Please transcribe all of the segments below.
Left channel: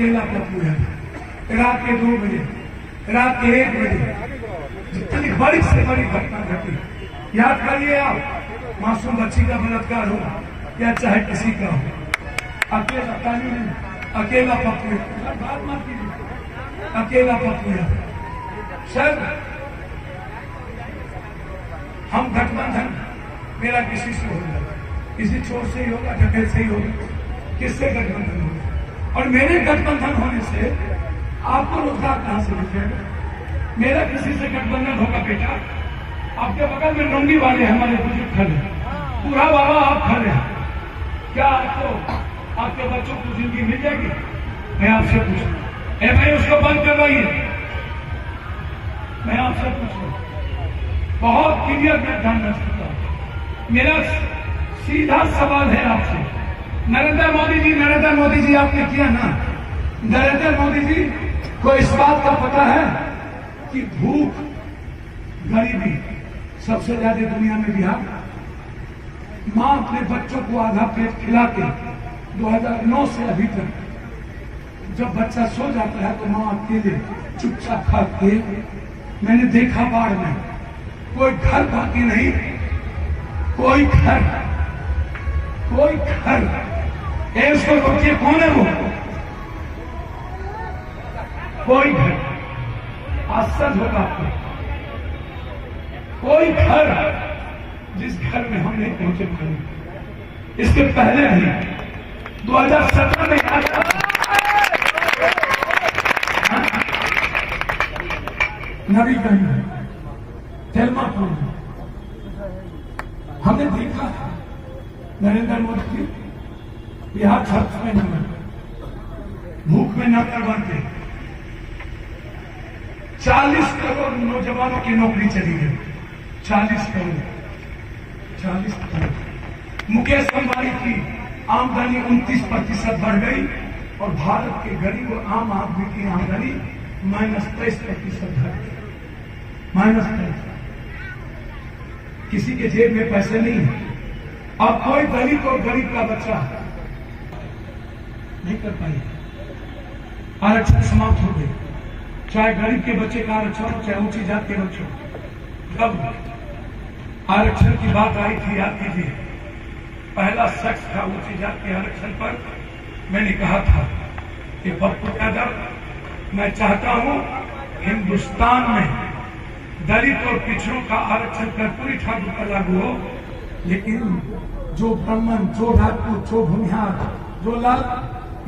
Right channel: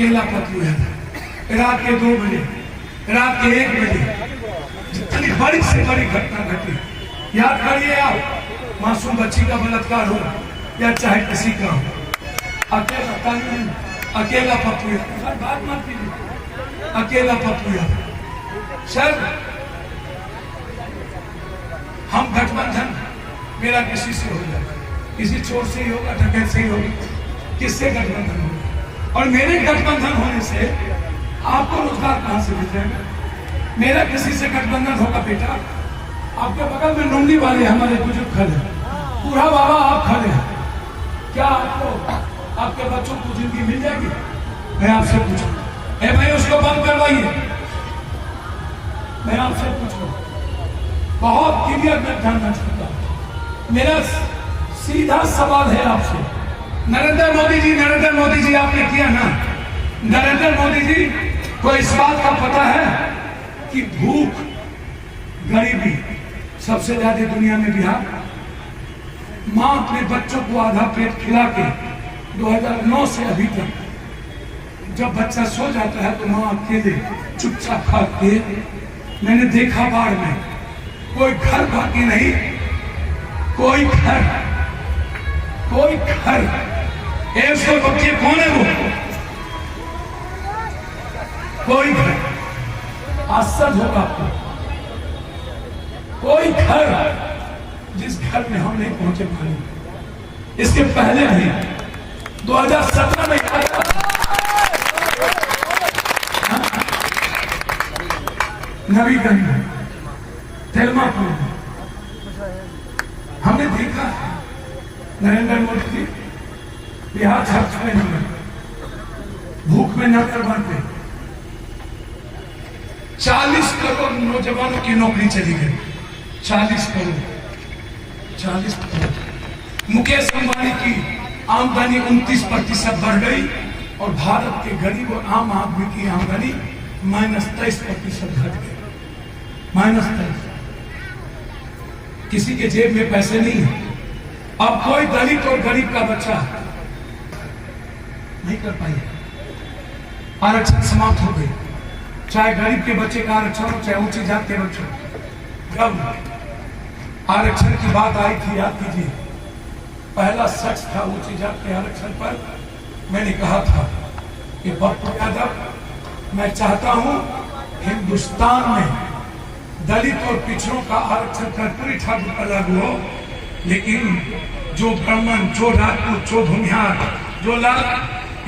अकेला पप्पू यादव रात के 2 बजे, रात के 1 बजे जितनी बड़ी से बड़ी घटना घटी, याद करिए आप, मासूम बच्ची का बलात्कार हो या चाहे किसी का हो, अकेला कानून, अकेला पप्पू यादव, बात मत कीजिए, अकेला पप्पू यादव। सर हम गठबंधन मेरा किसी से हो जाए, किसी चोर से ही होगा, डकैत से ही होगा, किससे गठबंधन होगा? और मेरे गठबंधन होने से आपको रोजगार कहां से मिल जाएगा? मेरा किसी से गठबंधन होगा बेटा? आपके बगल में लुंगी वाले हमारे बुजुर्ग खड़े हैं, पूरा बाबा आप खड़े हैं, क्या आपको आपके बच्चों को जिंदगी मिल जाएगी? मैं आपसे पूछूं, ए भाई उसको बंद करवाइए, मैं आपसे पूछूं, बहुत क्लियर मैं जानना चाहता हूं। मेरा सीधा सवाल है आपसे, नरेंद्र मोदी जी आपने किया ना, नरेंद्र मोदी जी को इस बात का पता है कि भूख गरीबी सबसे ज्यादा दुनिया में बिहार। माँ अपने बच्चों को आधा पेट खिला के 2009 से अभी तक, जब बच्चा सो जाता है तो माँ अकेले चुपचाप खाती है। मैंने देखा बाढ़ में कोई घर बाकी नहीं, कोई घर उसको बच्चे कौन है वो, कोई घर आश्चर्य होगा आपको, कोई घर जिस घर में हम नहीं पहुंचे पानी। इसके पहले भी 2017 में नवीगंज में, तेलमापुर में हमने देखा है नरेंद्र मोदी जी बिहार झारखंड में भूख में न कर बनते 40 करोड़ नौजवानों की नौकरी चली गई, 40 करोड़। मुकेश अंबानी की आमदनी 29% बढ़ गई और भारत के गरीब और आम आदमी की आमदनी -23% घट गई, -23। किसी के जेब में पैसे नहीं है। अब कोई दलित और गरीब का बच्चा नहीं कर पाए, आरक्षण समाप्त हो गई, चाहे गरीब के बच्चे का आरक्षण हो, चाहे ऊंची जात के बच्चे। जब आरक्षण की बात आई थी, याद कीजिए, पहला शख्स था ऊंची जात के आरक्षण पर, मैंने कहा था कि पप्पू यादव, मैं चाहता हूं हिंदुस्तान में दलित और पिछड़ों का आरक्षण कर्पूरी ठाकुर पर लागू हो, लेकिन जो ब्राह्मण, जो राजपूत, जो भूमिहार, जो लाल,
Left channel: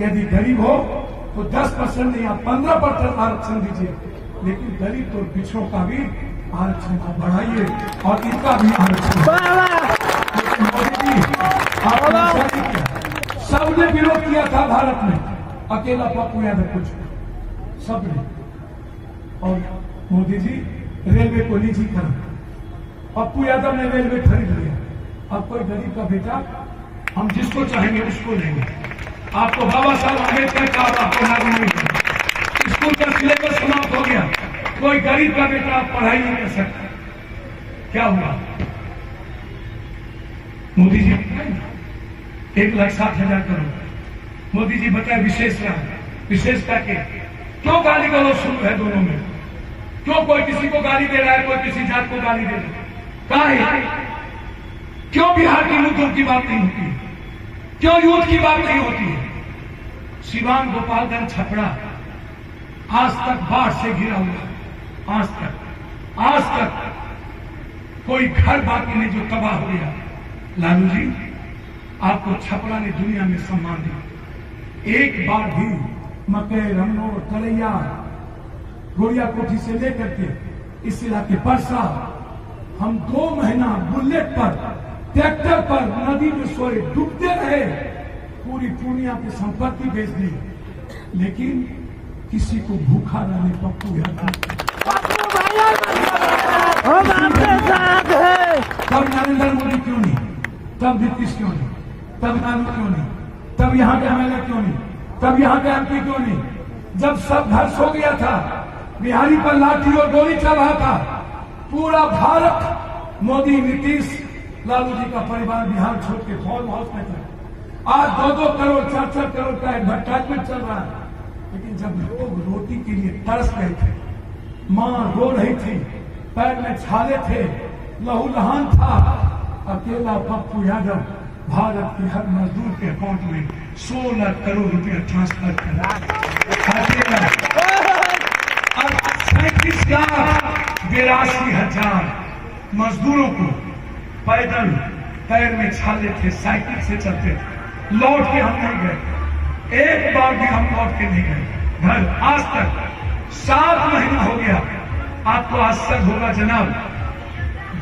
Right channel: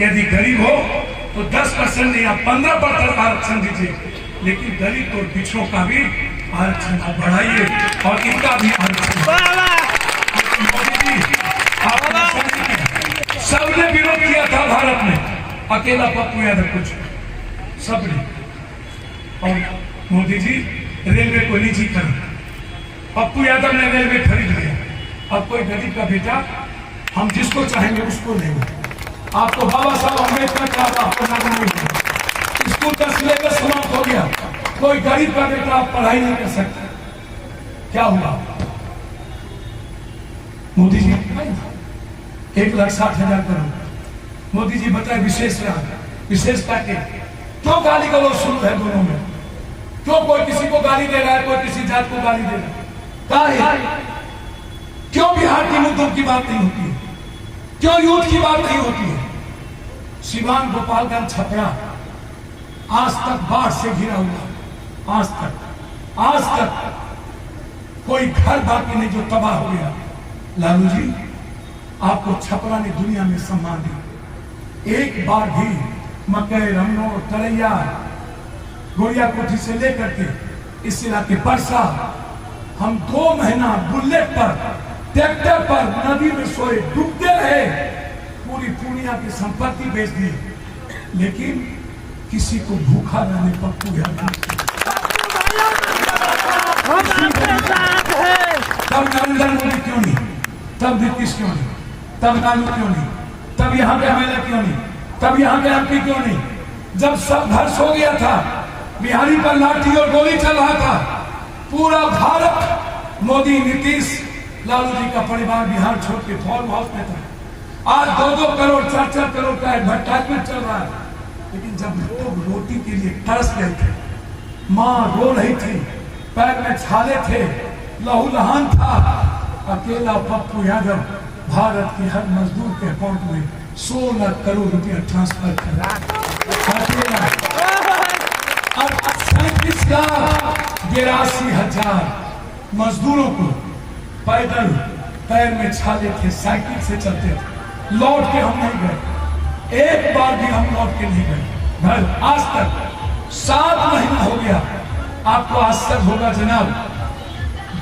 यदि गरीब हो तो 10% नहीं, आप 15% आरक्षण दीजिए, लेकिन दलित और पिछड़ों का भी आरक्षण आप बढ़ाइए और इनका भी आरक्षण। सबने विरोध किया था भारत में, अकेला पप्पू यादव कुछ सबने। और मोदी जी रेलवे को निजी कर, पप्पू यादव ने रेलवे खरीद लिया। अब कोई गरीब का बेटा, हम जिसको चाहेंगे उसको लेंगे। आपको बाबा साहब अम्बेडकर का आपको लागू नहीं होगा, स्कूल का सिलेबस समाप्त हो गया, कोई गरीब का बेटा आप पढ़ाई नहीं कर सकते। क्या हुआ? मोदी जी 1,60,000 करोड़। मोदी जी बताए विशेष पैकेज, क्यों गाली गलौज शुरू है दोनों में? क्यों कोई किसी को गाली दे रहा है, कोई किसी जात को गाली दे रहा है? क्यों बिहार के मुद्दों की बात नहीं होती है? क्यों यूथ की बात नहीं होती है? सिवान, गोपालगंज, छपरा आज तक बाढ़ से घिरा हुआ, आज तक कोई घर बाकी नहीं जो तबाह हो गया। लालू जी, आपको छपरा ने दुनिया में सम्मान दिया, एक बार भी मकई, रमनौर, तरैया, गोरिया कोठी से लेकर के इस इलाके परसा, हम 2 महीना बुलेट पर, ट्रैक्टर पर नदी में सोए, डूबते रहे, पूरी पूर्णिया की संपत्ति बेच दी, लेकिन किसी को भूखा रहने पप्पू यादव। तब नरेंद्र मोदी क्यों नहीं, तब नीतीश क्यों नहीं, तब लालू क्यों नहीं, तब यहाँ के एमएलए क्यों नहीं, तब यहाँ के एमपी क्यों नहीं? जब सब घर सो गया था, बिहारी पर लाठी और गोली चल रहा था, पूरा भारत मोदी, नीतीश, लालू जी का परिवार बिहार छोड़ के फार्म हाउस में था। आज 2-2 करोड़, 4-4 करोड़ का एडवर्टाइजमेंट चल रहा है। लेकिन जब लोग रोटी के लिए तरस रहे थे, माँ रो रही थी, पैर में छाले थे, लहू लहान था, अकेला पप्पू यादव भारत के हर मजदूर के अकाउंट में 16 करोड़ रुपया ट्रांसफर करा अकेला। और 37,82,000 मजदूरों को पैदल, पैर में छाले थे, साइकिल से चलते थे। लौट के हम नहीं गए, एक बार भी हम लौट के नहीं गए घर आज तक। 7 महीना हो गया। आपको आश्चर्य होगा जनाब,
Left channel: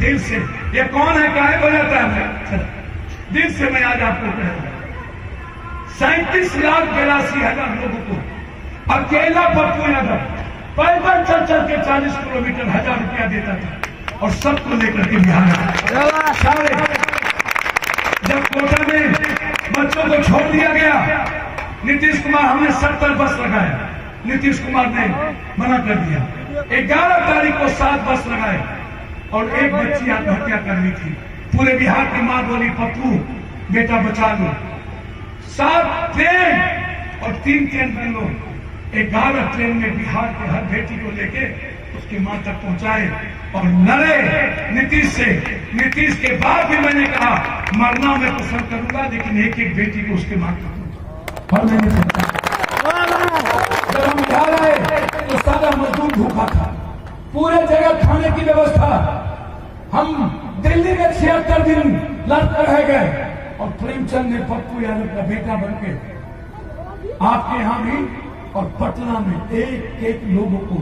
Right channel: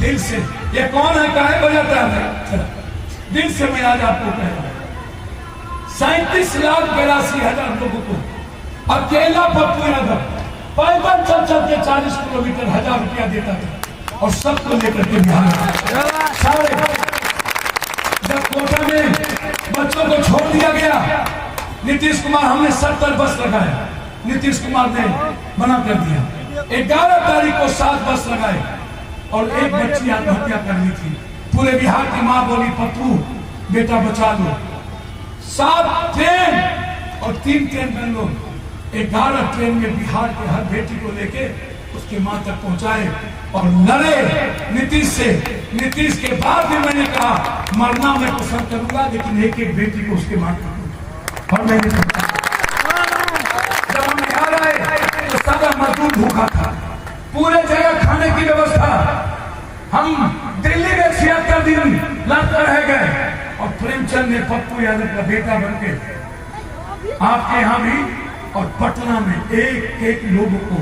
दिल से ये कौन है, काहे हो जाता है, दिल से मैं आज आपको कह रहा हूं, 37,82,000 लोगों को अकेला पप्पू यादव पैदल चल चल के 40 किलोमीटर 1000 रुपया देता था और सबको लेकर के बिहार सारे। जब कोटा में बच्चों को छोड़ दिया गया, नीतीश कुमार, हमने 70 बस लगाए, नीतीश कुमार ने मना कर दिया। 11 तारीख को 7 बस लगाए और एक बच्ची आत्महत्या करनी थी। पूरे बिहार की मां बोली पप्पू बेटा बचा लो। 7 ट्रेन और 3 ट्रेन बन लो, 11 ट्रेन में बिहार के हर बेटी को लेके उसके मां तक पहुंचाए और लड़े नीतीश से। नीतीश के बाद भी मैंने कहा मरना मैं पसंद करूंगा, लेकिन एक एक बेटी को उसके मां तक और मैंने जब हम बिहार आए तो सादा मजदूर भूखा था, पूरे जगह खाने की व्यवस्था। हम दिल्ली में 76 दिन लड़ते रह गए और प्रेमचंद ने पप्पू यादव का बेटा बनके आपके यहाँ भी और पटना में एक एक लोगों को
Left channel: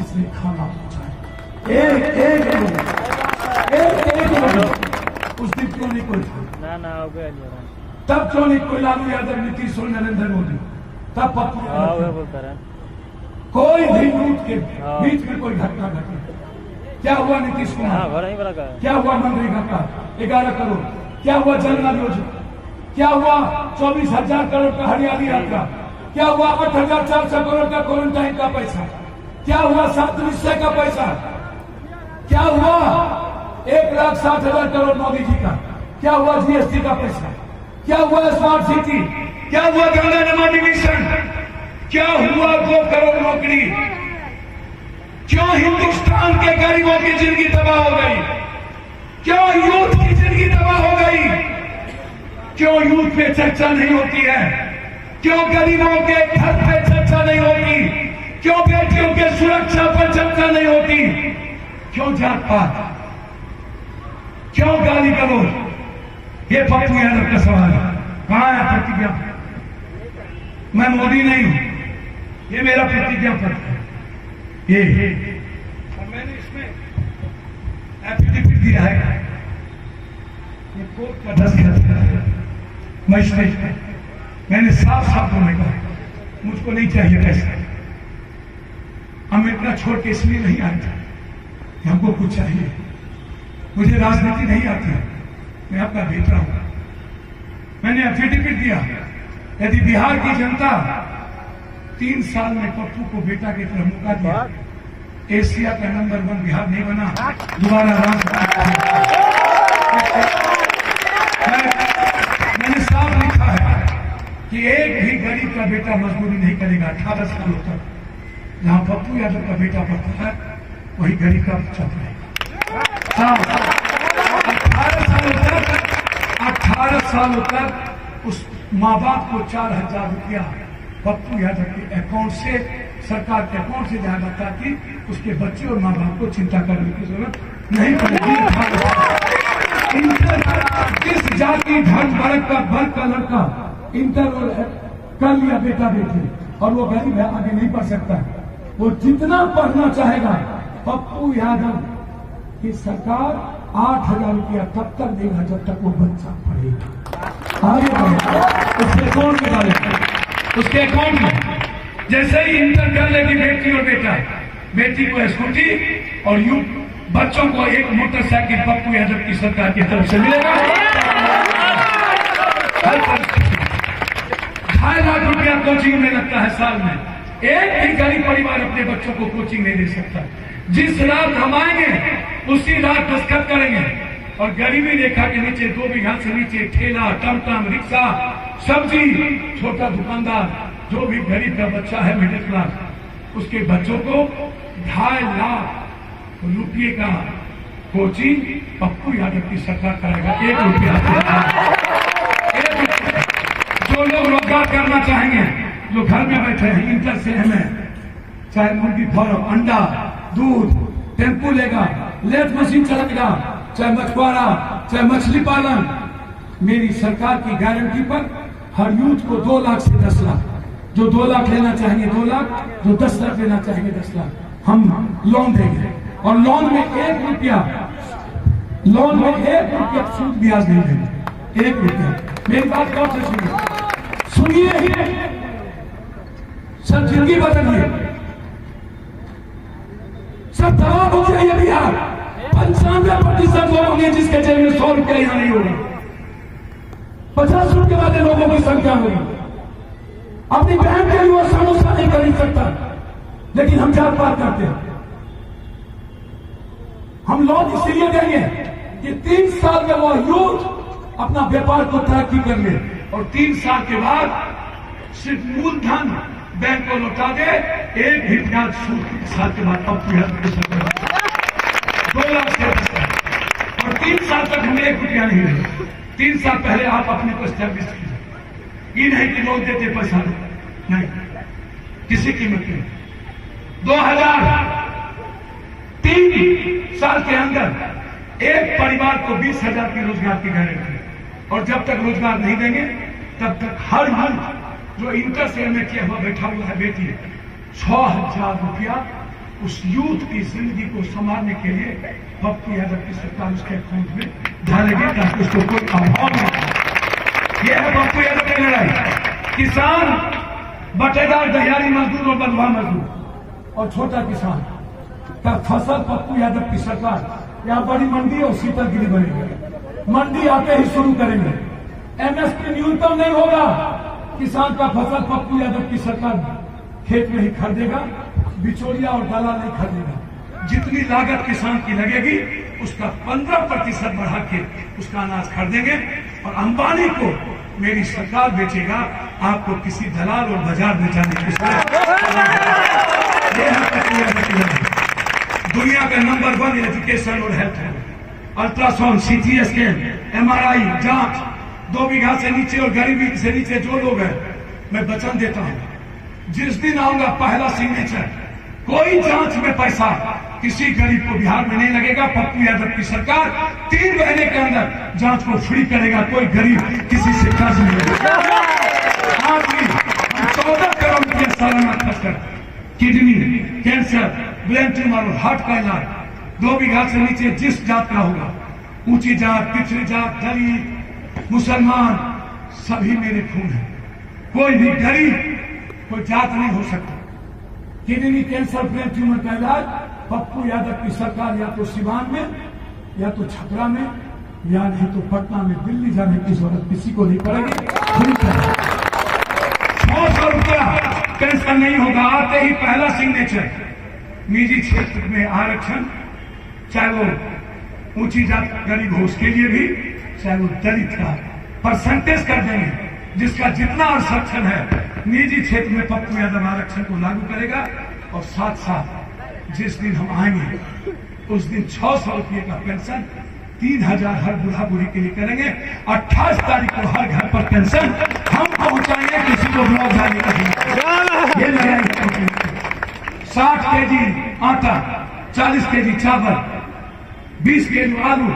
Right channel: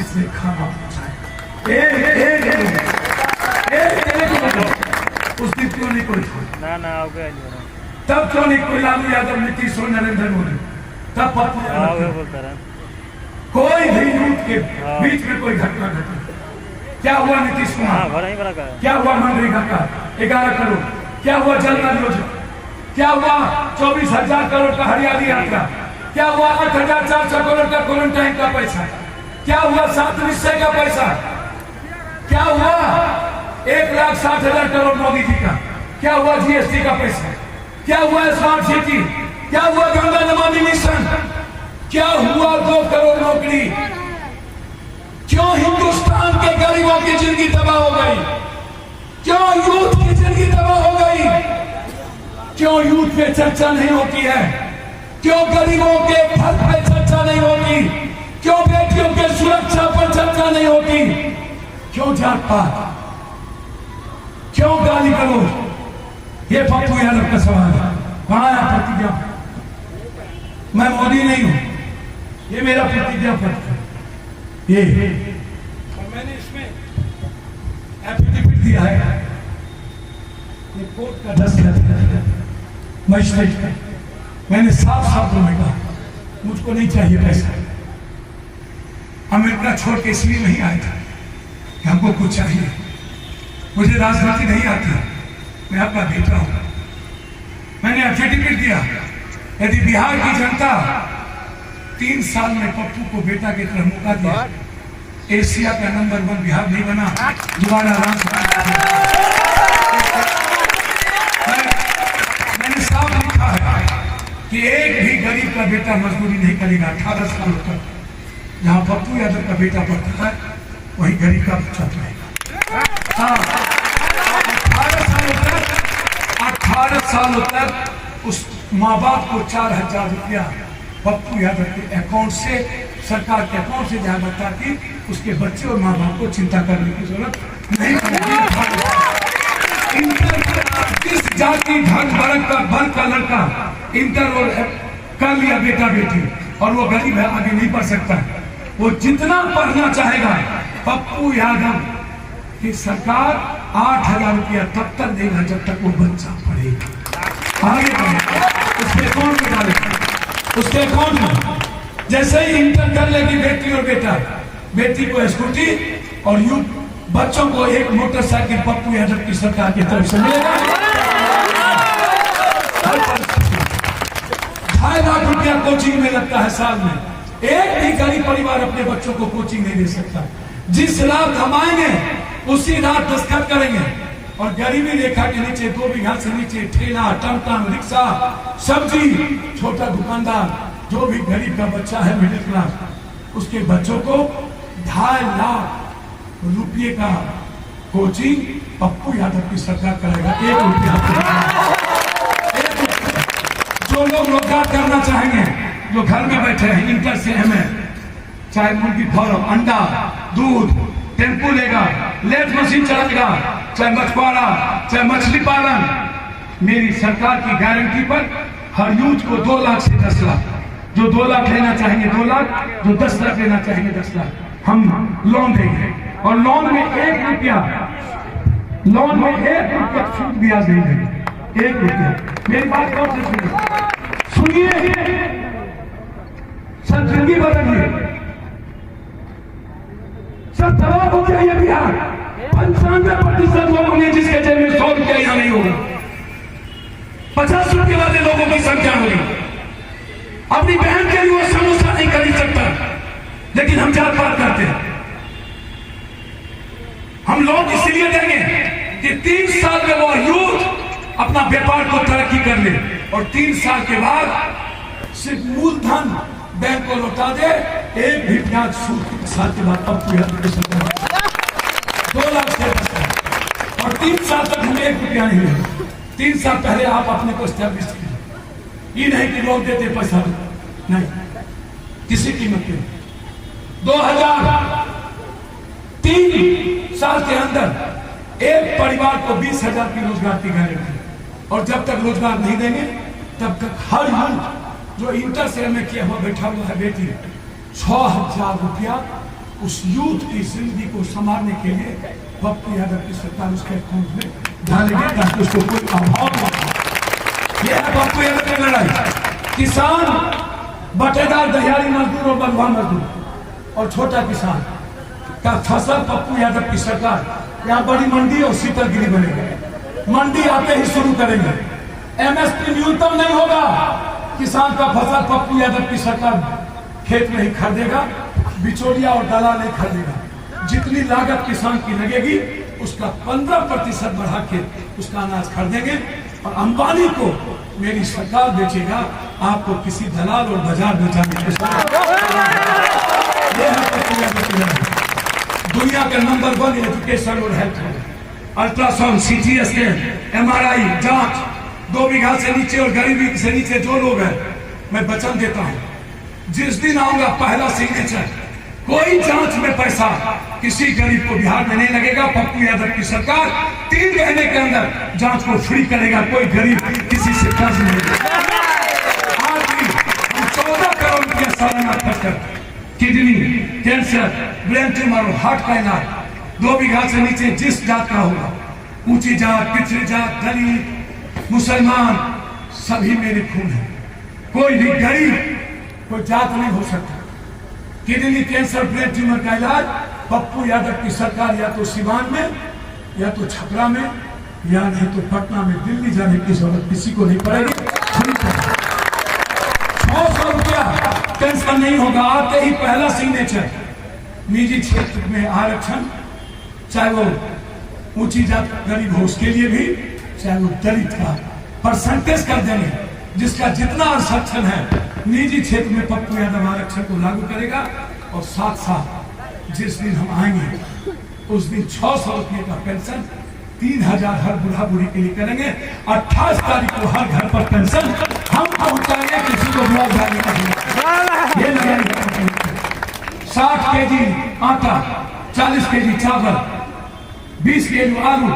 इसने खाना पहुंचाया, एक उस दिन क्यों नहीं कोई ना हो गया, तब क्यों नहीं कोई लालू यादव, नीतीश और नरेंद्र मोदी, तब पप्पू यादव कोई भी यूथ के बीच में कोई घटना घटी। क्या हुआ नीतीश कुमार, क्या हुआ मनरेगा का 11 करोड़, क्या हुआ जल नल योजना, क्या हुआ 24,000 करोड़ का हरियाली यात्रा, क्या हुआ 8,400 करोड़ का क्वारंटाइन का पैसा, क्या हुआ 7 निश्चय का पैसा, क्या हुआ 1,60,000 करोड़ मोदी जी का, क्या हुआ जीएसटी का पैसा, क्या हुआ स्मार्ट सिटी, क्या हुआ गंगा नमामि मिशन, क्या हुआ 2 करोड़ नौकरी। क्यों हिंदुस्तान के गरीबों की जिंदगी तबाह हो गई, क्यों यूथ की जिंदगी तबाह हो गई, क्यों यूथ पे चर्चा नहीं होती है, क्यों गरीबों के घर पे चर्चा नहीं होती, क्यों बेटियों के सुरक्षा पर चर्चा नहीं होती, क्यों जात पात, क्यों गाली गलौज। ये पप्पू यादव का सवाल है, कहां है प्रतिज्ञा? मैं मोदी नहीं हूं, ये मेरा प्रतिज्ञा पत्र है, ये और मैंने इसमें एफिडेविट दिया है, ये कोर्ट का दस्तखत है, मजिस्ट्रेट है। मैंने साफ शब्दों में कहा मुझको नहीं चाहिए पैसा, अमेरिका छोड़ के इसलिए नहीं आया था कि हमको कुछ चाहिए, मुझे राजनीति नहीं आती, मैं आपका बेटा हूं। मैंने एफिडेविट दिया, यदि बिहार की जनता 3 साल में पप्पू को बेटा की तरह मौका दिया, एशिया का नंबर 1 बिहार नहीं बना, दोबारा मैंने साफ लिखा है कि एक भी गरीब का बेटा मजदूरी नहीं करेगा 18 साल तक। जहां पप्पू यादव का बेटा पढ़ता है वही गरीब का बच्चा पढ़ेगा। 18 सालों तक उस माँ बाप को 4,000 रुपया पप्पू यादव के अकाउंट से, सरकार के अकाउंट से जाएगा, ताकि उसके बच्चे और माँ बाप को चिंता करने की जरूरत नहीं पड़ेगी। किस जाति धर्म वर्ग का लड़का इंटर और कर लिया बेटा बेटी और वो गरीब है, आगे नहीं पढ़ सकता, वो जितना पढ़ना चाहेगा पप्पू यादव की सरकार 8,000 रुपया तब तक देगा जब तक वो बच्चा पढ़ेगा, आगे बढ़ेगा, उसके अकाउंट में डालेगा, उसके अकाउंट में। जैसे ही इंटर कर लेगी बेटी और बेटा, बेटी को स्कूटी और यूथ बच्चों को एक मोटरसाइकिल पप्पू यादव की सरकार की तरफ से मिलेगा। 2.5 लाख रुपया कोचिंग में लगता है साल में। एक भी गरीब परिवार अपने बच्चों को कोचिंग नहीं दे सकता। जिस रात हम आएंगे उसी रात दस्तखत करेंगे और गरीबी रेखा के नीचे 2 बीघा से नीचे ठेला, टमटम, रिक्शा, सब्जी, छोटा दुकानदार जो भी गरीब का बच्चा है मिडिल क्लास, उसके बच्चों को 2.5 लाख रुपये का कोचिंग पप्पू यादव की सरकार कराएगा। 1 रुपया। जो लोग रोजगार करना चाहेंगे, जो घर में बैठे हैं, इंटर से हमें चाहे मुर्गी फार्म, अंडा, दूध, टेम्पू लेगा, लेट मशीन चलाएगा, चाहे मछुआरा, चाहे मछली पालन, मेरी सरकार की गारंटी पर हर यूथ को 2 लाख से 10 लाख, जो 2 लाख लेना चाहेंगे 2 लाख, जो 10 लाख लेना चाहेंगे 10 लाख, हम लोन देंगे। और लोन में 1 रुपया, लोन में 1 रुपया सूद ब्याज नहीं देंगे। 1 रुपया। मेरी बात कौन से सुनिए, सब जिंदगी बदलिए, सब तबाह हो जाइए। बिहार 95% लोग होंगे जिसके जेब में 100 रुपया यहाँ नहीं होगा। 50 रुपये वाले लोगों की संख्या होगी। अपनी बहन के लिए वो समोसा नहीं खरीद सकता, लेकिन हम जात पात करते हैं। हम लोग इसलिए देंगे कि 3 साल में वो यूथ अपना व्यापार को तरक्की कर ले, और 3 साल के बाद सिर्फ मूलधन बैंक को लौटा दे, 1 भी ब्याज सूद के साल के बाद पप्पू यादव 2 लाख से 10 लाख। और 3 साल तक हमें 1 रुपया नहीं लगे। 3 साल पहले आप अपने को स्टैब्लिश कीजिए। ये नहीं कि लोग देते पैसा नहीं, किसी कीमत पे। 2003 साल के अंदर एक परिवार को 20,000 की रोजगार की गारंटी, और जब तक रोजगार नहीं देंगे तब तक हर जो इंटर से में किया हुआ बैठा हुआ है बेटी, 6,000 रुपया उस यूथ की जिंदगी को संभालने के लिए पप्पू यादव की सरकार उसके अकाउंट में डालेगी, ताकि उसको कोई अभाव न हो। यह है पप्पू यादव की लड़ाई। किसान, बटेदार, दहियारी मजदूर और बंधुआ मजदूर और छोटा किसान का फसल पप्पू यादव की सरकार, यहाँ बड़ी मंडी और शीतलगिरी बनेगा। मंडी आते ही शुरू करेंगे। MSP न्यूनतम नहीं होगा। किसान का फसल पप्पू यादव की सरकार खेत में ही खरीदेगा, बिचौलिया और दलाल नहीं खरीदेगा। जितनी लागत किसान की लगेगी उसका 15% बढ़ा के उसका अनाज खरीदेंगे, और अंबानी को मेरी सरकार बेचेगा, आपको किसी दलाल और बाजार में जाने की दुनिया का नंबर 1 एजुकेशन और हेल्थ है। अल्ट्रासाउंड, CT स्कैन, MRI जांच, 2 बीघा से नीचे और गरीबी से नीचे जो लोग हैं, मैं वचन देता हूं, जिस दिन आऊंगा पहला सिग्नेचर, कोई जांच में पैसा किसी गरीब को बिहार में नहीं लगेगा। पप्पू यादव की सरकार 3 महीने के अंदर जांच को फ्री करेगा। कोई गरीब किसी से कर्ज नहीं लेगा। आज भी 14 करोड़ रुपया सालाना खर्च कर किडनी, कैंसर, ब्रेन ट्यूमर और हार्ट का इलाज 2 बीघा से नीचे जिस जात का होगा, ऊंची जात, पिछड़ी जात, दलित, मुसलमान, सभी मेरे खून है। कोई भी गरीब कोई जात नहीं हो सकता। किडनी, कैंसर, ब्रेन ट्यूमर का इलाज पप्पू यादव की सरकार या तो सिवान में, या तो छपरा में, या नहीं तो पटना में, दिल्ली जाने की जरूरत किसी को नहीं पड़ेगी। 600 रुपया पेंशन नहीं होगा। आते ही पहला सिग्नेचर। निजी क्षेत्र में आरक्षण, चाहे वो ऊंची जात गरीब हो उसके लिए भी, चाहे वो दलित का परसेंटेज कर देंगे। जिसका जितना आरक्षण है निजी क्षेत्र में पप्पू यादव आरक्षण को लागू करेगा। और साथ साथ जिस दिन हम आएंगे उस दिन 600 रुपये का पेंशन 3,000 हर बूढ़ा बूढ़ी के लिए करेंगे। 28 तारीख को हर घर पर पेंशन हम पहुंचाएंगे, किसी को ब्लॉक जाने का ये लड़ाई। 60 केजी आटा, 40 केजी चावल, 20 किलो आलू,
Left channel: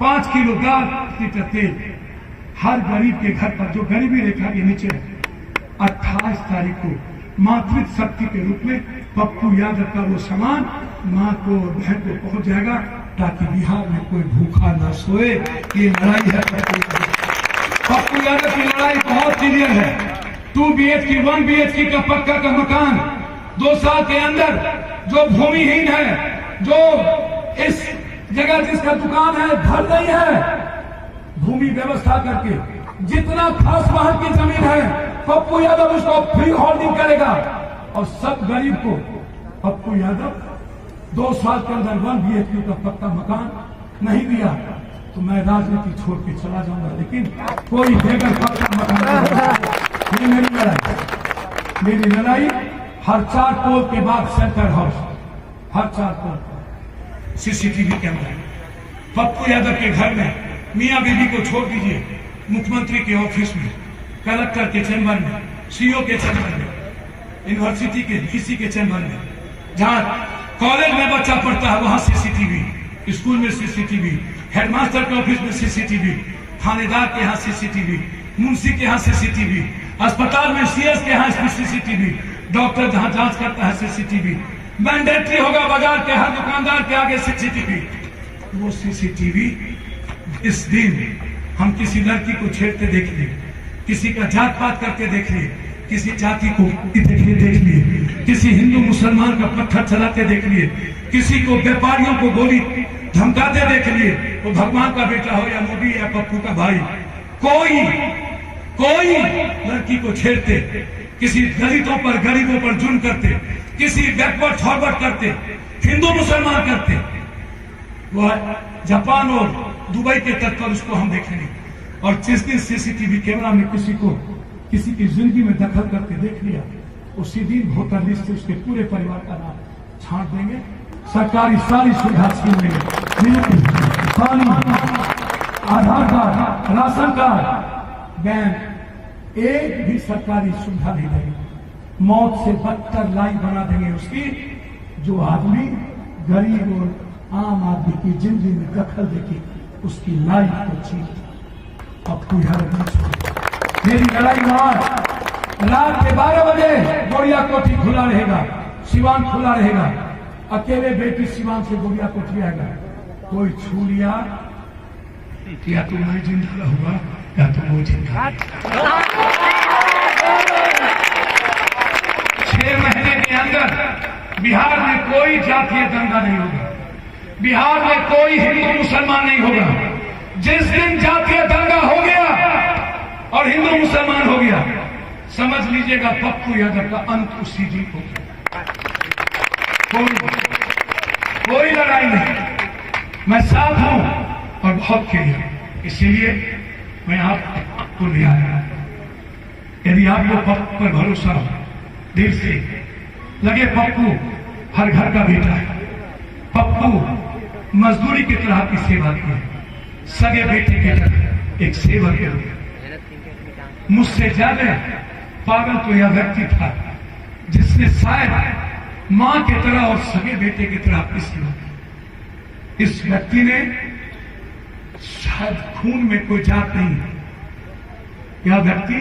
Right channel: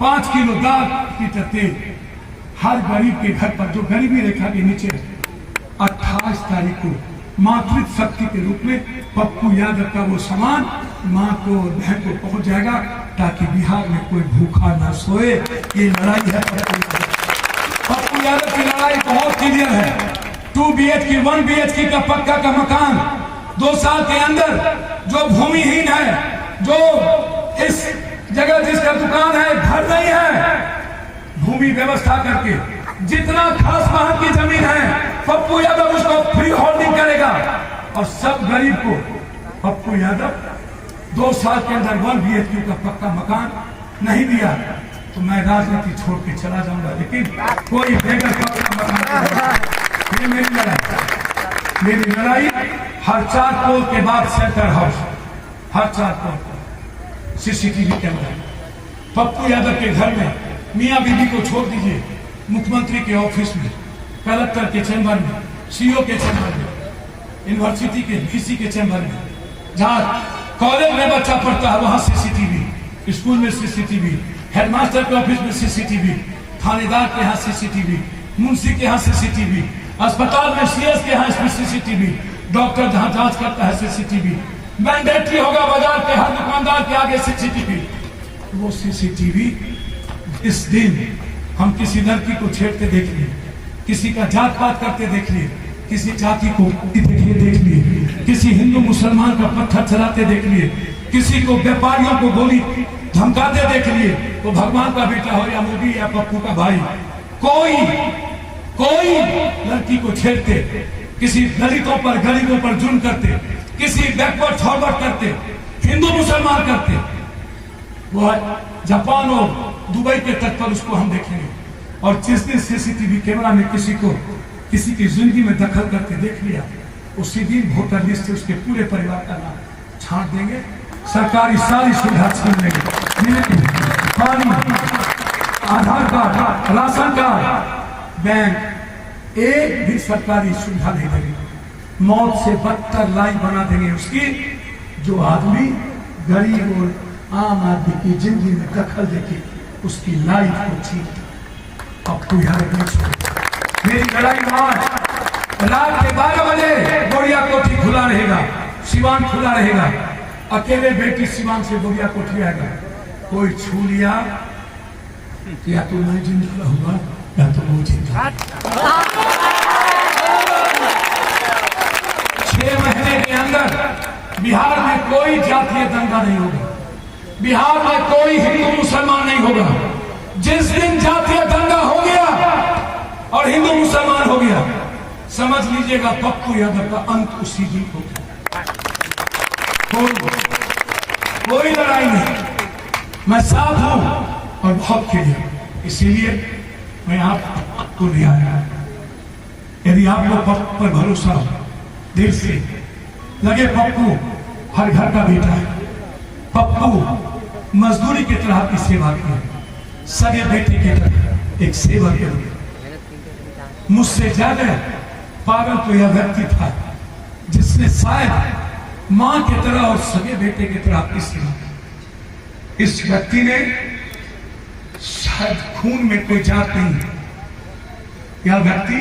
5 किलो दाल, लीटर तेल हर गरीब के घर पर, जो गरीबी रेखा के नीचे 28 तारीख को मातृत्व शक्ति के रूप में पप्पू यादव का वो सामान माँ को और बहन को पहुंच जाएगा, ताकि बिहार में कोई भूखा ना सोए। ये लड़ाई है पप्पू यादव की लड़ाई बहुत क्लियर है। 2 BHK 1 BHK का पक्का का मकान 2 साल के अंदर, जो भूमिहीन है, जो इस जगह जिसका दुकान है घर नहीं है, भूमि व्यवस्था करके जितना खास महल की जमीन है पप्पू यादव उसको फ्री होल्डिंग करेगा। और सब गरीब को पप्पू यादव 2 साल के अंदर 1 BHK का पक्का मकान नहीं दिया तो मैं राजनीति छोड़ के चला जाऊंगा, लेकिन कोई बेगर पक्का मकान ये मेरी लड़ाई। मेरी लड़ाई हर 4 पोल के बाद सेंटर हाउस, हर 4 पोल पर सीसीटीवी कैमरा। पप्पू यादव के घर में मियां बीबी को छोड़ दीजिए, मुख्यमंत्री के ऑफिस में, कलेक्टर के चैम्बर में, सीओ के चैम्बर में, यूनिवर्सिटी के डीसी के चैम्बर में, जहां कॉलेज में बच्चा पढ़ता है वहां सीसीटीवी, स्कूल में सीसीटीवी, हेडमास्टर के ऑफिस में सीसीटीवी, थानेदार के यहाँ सीसीटीवी, मुंशी के यहाँ सीसीटीवी, अस्पताल में सीएस के यहाँ सीसीटीवी, डॉक्टर जहां जांच करता है सीसीटीवी, मैंडेटरी होगा बाजार के हर दुकानदार के आगे सीसीटीवी। वो सीसीटीवी इस दिन हम किसी लड़की को छेड़ते देख लिए, किसी का जात पात करते देख लिए, किसी जाति को देख लिए, किसी हिंदू मुसलमान का पत्थर चलाते देख लिए, किसी को व्यापारियों को गोली धमकाते देख लिए, वो भगवान का बेटा हो या मोदी या पप्पू का भाई, कोई लड़की को छेड़ते, किसी दलितों पर गरीबों पर जुल्म करते, किसी बैकवर्ड फॉरवर्ड करते, हिंदू मुसलमान करते, वो जापान और दुबई के तट पर उसको हम देखेंगे। और जिस दिन सीसीटीवी कैमरा में किसी की जिंदगी में दखल करके देख लिया, उसी दिन वोटर लिस्ट से उसके पूरे परिवार का नाम छांट देंगे, सरकारी सारी सुविधा छीन लेंगे, पानी, आधार कार्ड, राशन कार्ड, बैंक, एक भी सरकारी सुविधा नहीं देंगे। मौत से बदतर लाइन बना देंगे उसकी, जो आदमी गरीब और आम आदमी की जिंदगी में दखल देके उसकी लाइफ को छीन। अब कोई हरक नहीं छोड़े। मेरी लड़ाई वहां रात के 12 बजे बोरिया कोठी खुला रहेगा, सिवान खुला रहेगा, अकेले बेटी सिवान से बोरिया कोठी आएगा। कोई छू लिया कि या तो मैं जिंदा रहूंगा या तो वो जिंदा। 6 महीने के अंदर बिहार में कोई जातीय दंगा नहीं होगा, बिहार में कोई हिंदू मुसलमान नहीं होगा। जिस दिन जातीय दंगा हो गया और हिंदू मुसलमान हो गया, समझ लीजिएगा पप्पू यादव का अंत उसी दिन हो गया। कोई लड़ाई नहीं, मैं साथ हूं और बहुत क्लियर, इसीलिए मैं आपको ले आया। यदि आपको पप्पू पर भरोसा दिल से लगे, पप्पू हर घर का बेटा है, पप्पू मजदूरी की तरह की सेवा की, सगे बेटे के तरह एक सेवक के रूप। मुझसे ज्यादा पागल तो यह व्यक्ति था जिसने शायद मां की तरह और सगे बेटे की तरह आपकी सेवा की। इस व्यक्ति ने शायद खून में कोई जात नहीं, यह व्यक्ति